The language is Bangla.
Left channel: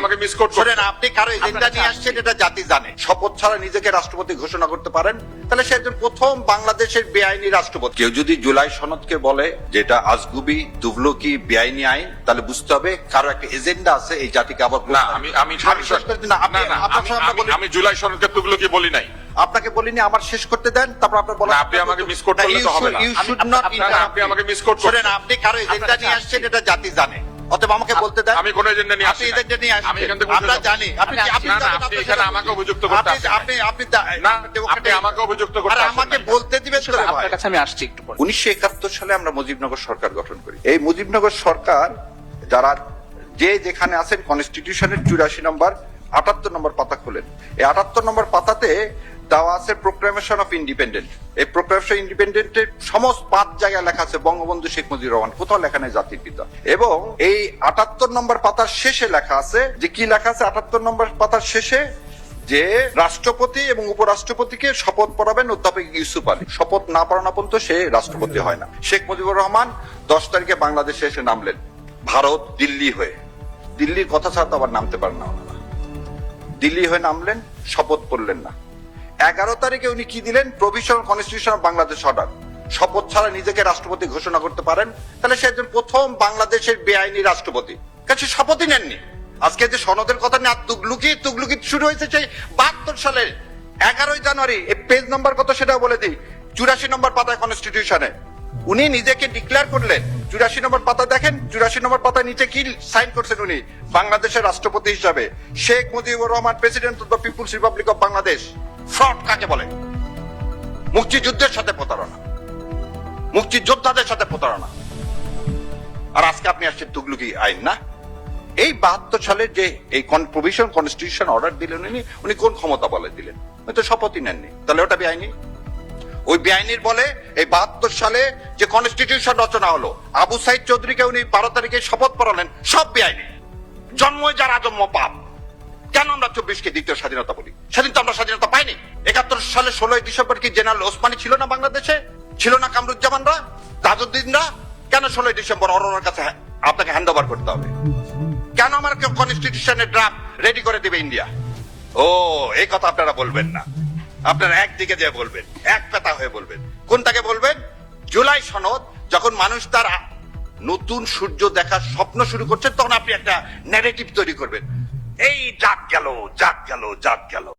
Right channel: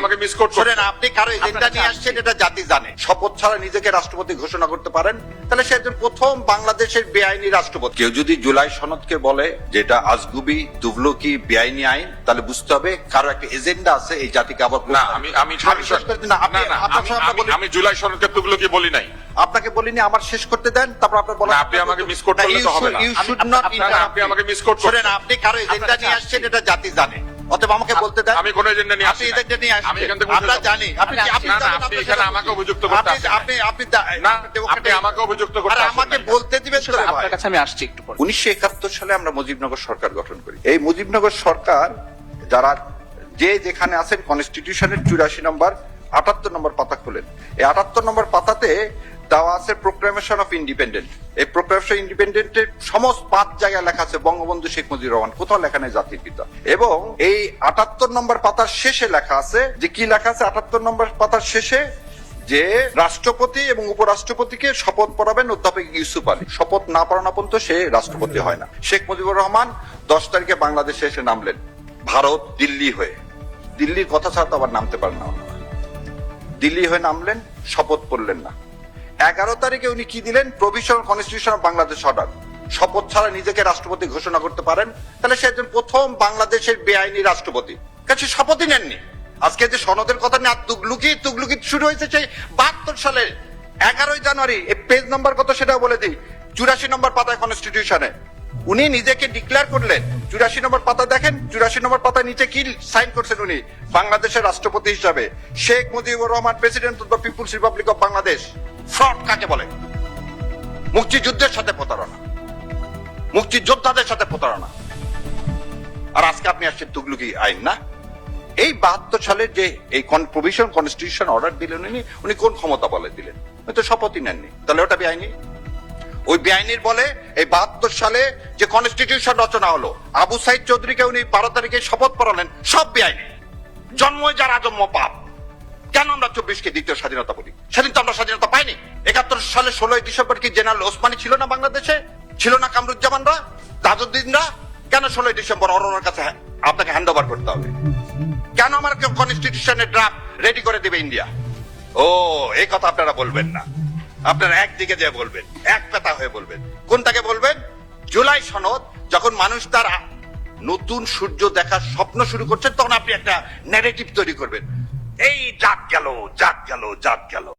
আমাকে মিস করছেন। শোনেন, আপনি কারো এজেন্ডা নিয়ে আসছেন এটা জাতি জানে। শপথ ছাড়া নিজেকে রাষ্ট্রপতি ঘোষণা করতে পারেন, তাহলে সে একজন প্রথম বাংলাদেশের বেআইনি রাষ্ট্রপতি। কেউ যদি জুলাই সনদকে বলে যেটা আজগুবি তুগলকি বেআইনি আইন, তাহলে বুঝতে হবে কারো একটা এজেন্ডা আছে এই জাতিকে আবার। না, আমি জুলাই সনদকে তুগলকি বলি নাই। আপনাকে বলিনি, আমার শেষ করতে দেন, তারপর আপনি বলেন। আপনি আমাকে মিস করতে হবে না। আপনি আমাকে মিস করছেন। শোনেন, আপনি কারো এজেন্ডা নিয়ে আসছেন এটা জাতি জানে, অতএব আমাকে বলতে দেন। আমি কোন এজেন্ডা নিয়ে আপনি আসি? এজেন্ডা নিয়ে আসছেন, আমি কিন্তু আমরা জানি। আপনি এখানে আমাকে অভিযুক্ত করতে আসছেন। না, আপনি আমাকে অভিযুক্ত করতে আসছেন। আমাকে বলতে দিবেন তো ভাই। আপনার কাছে আমি আসছি একটু পরে। 1971 সালে আমরা মুজিবনগর সরকার গঠন করি। এই মুজিবনগর সরকার যারা যে যেখানে আছেন, কনস্টিটিউশনের 84 নম্বর 78 নম্বর পাতা খোলেন। এই 78 নম্বর পাতাতে দেওয়া আছে প্রোক্লেমেশন অফ ইন্ডিপেন্ডেন্ট। এই প্রোক্লেমেশন ইন্ডিপেন্ডেন্টের সমস্ত 5 জায়গায় লেখা আছে বঙ্গবন্ধু শেখ মুজিবুর রহমান, কোথাও লেখা নেই জাতির পিতা। এবং এই 78 নম্বর পাতার শেষে লেখা আছে যে কি লেখা আছে 78 নম্বর পাতার শেষে, যে রাষ্ট্রপতি এবং উপরাষ্ট্রপতিকে শপথ পড়াবেন অধ্যাপক ইউসুফ আলী। শপথ না পড়ানো পর্যন্ত সে রাষ্ট্রপতি হয় না। শেখ মুজিবুর রহমান 10 তারিখে বাংলাদেশে এসে নামলেন ভারত দিল্লি হয়ে। দিল্লির কথা ছাড়া তো আবার নামতে পারেন না। দিল্লি হয়ে নামলেন, শপথ পড়লেন না। 11 তারিখে উনি কি দিলেন? Provisional constitution of Bangladesh order. শপথ ছাড়া নিজেকে রাষ্ট্রপতি ঘোষণা করতে পারেন, তাহলে সে একজন প্রথম বাংলাদেশের বেআইনি রাষ্ট্রপতি। কাছে শপথই নেননি। আজকে যে সনদের কথা নিয়ে তুগলুকি শুরু হয়েছে সেই 72 সালে 11 জানুয়ারি। এই পেজ নাম্বার কত সেটা বলে দিই। 84 নম্বর পাতায় কনস্টিটিউশনে উনি নিজেকে ডিক্লেয়ার করলেন। 84 নম্বর পাতা দেখেন, 84 নম্বর পাতা নিচে কি সাইন করছেন উনি? বাংলাদেশের রাষ্ট্রপতি হিসাবে Sheikh Mujibur Rahman, president of the people's republic of Bangladesh. Fraud কাকে বলে? মুক্তিযুদ্ধের সাথে প্রতারণা, মুক্তিযোদ্ধাদের সাথে প্রতারণা। আর আজকে আপনি আসছেন তুগলকি আইন না। এই 72 সালের যে প্রভিশন কনস্টিটিউশন অর্ডার দিলেন উনি কোন ক্ষমতা বলে দিলেন? হয়তো শপথই নেননি, তাহলে ওটা বেআইনি। ওই বেআইনির বলে এই 72 সালে যে কনস্টিটিউশন রচনা হলো, আবু সাইদ চৌধুরীকে উনি 12 তারিখে শপথ পড়ালেন, সব বেআইনি। জন্ম যার আজন্ম পাপ। কেন আমরা 24-কে দ্বিতীয় স্বাধীনতা বলি? সেদিন তো আমরা স্বাধীনতা পাইনি। 71 সালে 16 ডিসেম্বর কি জেনারেল ওসমানী ছিল না বাংলাদেশে? ছিল না কামরুজ্জামানরা, তাজউদ্দিনরা? কেন 16 ডিসেম্বর অরোরার কাছে আপনাকে হ্যান্ড ওভার করতে হবে? কেন আমার কনস্টিটিউশনের ড্রাফট রেডি করে দেবে ইন্ডিয়া? ও, এই কথা আপনারা বলবেন না। আপনারা একদিকে যে বলবেন, এক কথা হয়ে বলবেন। কোনটাকে বলবেন? জুলাই সনদ। যখন মানুষ তার নতুন সূর্য দেখার স্বপ্ন শুরু করছে, তখন আপনি একটা নেগেটিভ তৈরি করবেন। এই জাত গেল, জাত গেল, জাত গেল।